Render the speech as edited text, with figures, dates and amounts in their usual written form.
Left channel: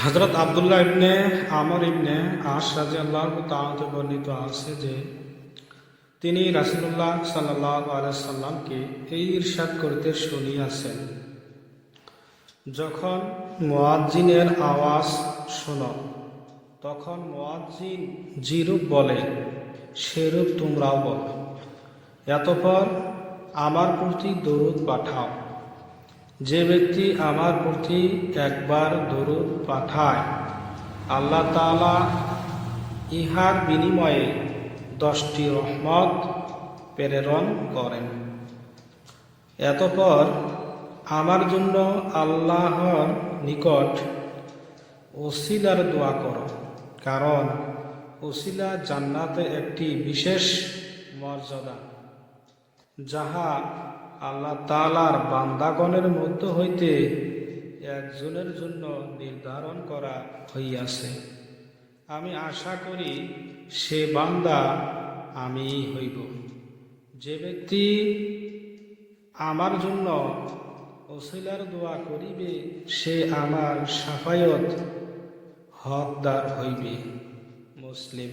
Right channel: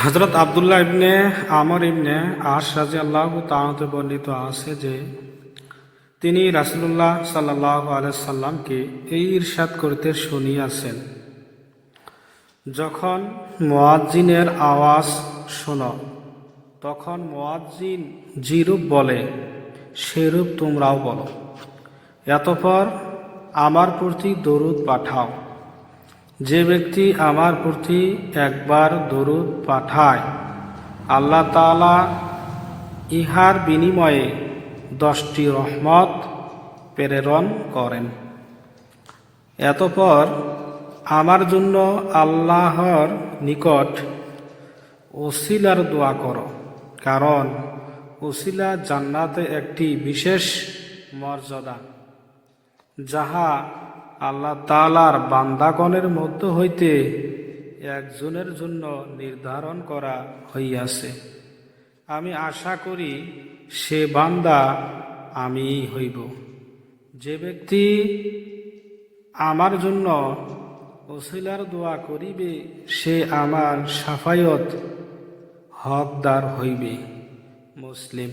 হযরত আব্দুল্লাহ ইবনে আমর ইবনে আস রাদিয়াল্লাহু তাআলা হতে বর্ণিত আছে যে তিনি রাসূলুল্লাহ সাল্লাল্লাহু আলাইহি সাল্লামকে এই ইরশাদ করিতে শুনিয়াছেন, যখন মুয়াজ্জিনের আওয়াজ শোনো তখন মুয়াজ্জিন যেরূপ বলে সেরূপ তোমরাও বলো। অতঃপর আমার প্রতি দরুদ পাঠাও। যে ব্যক্তি আমার প্রতি একবার দরুদ পাঠায়, আল্লাহ তাআলা ইহার বিনিময়ে 10টি রহমত প্রেরণ করেন। অতঃপর আমার জন্য আল্লাহর নিকট ওসিলার দোয়া করো, কারণ ওসিলা জান্নাতে একটি বিশেষ মর্যাদা, যাহা আল্লাহ তাআলার বান্দাগণের মধ্য হইতে একজনের জন্য নির্ধারণ করা হইয়াছে। আমি আশা করি সে বান্দা আমিই হইব। যে ব্যক্তি আমার জন্য ওসিলার দোয়া করিবে সে আমার শাফায়াত হকদার হইবে। মুসলিম।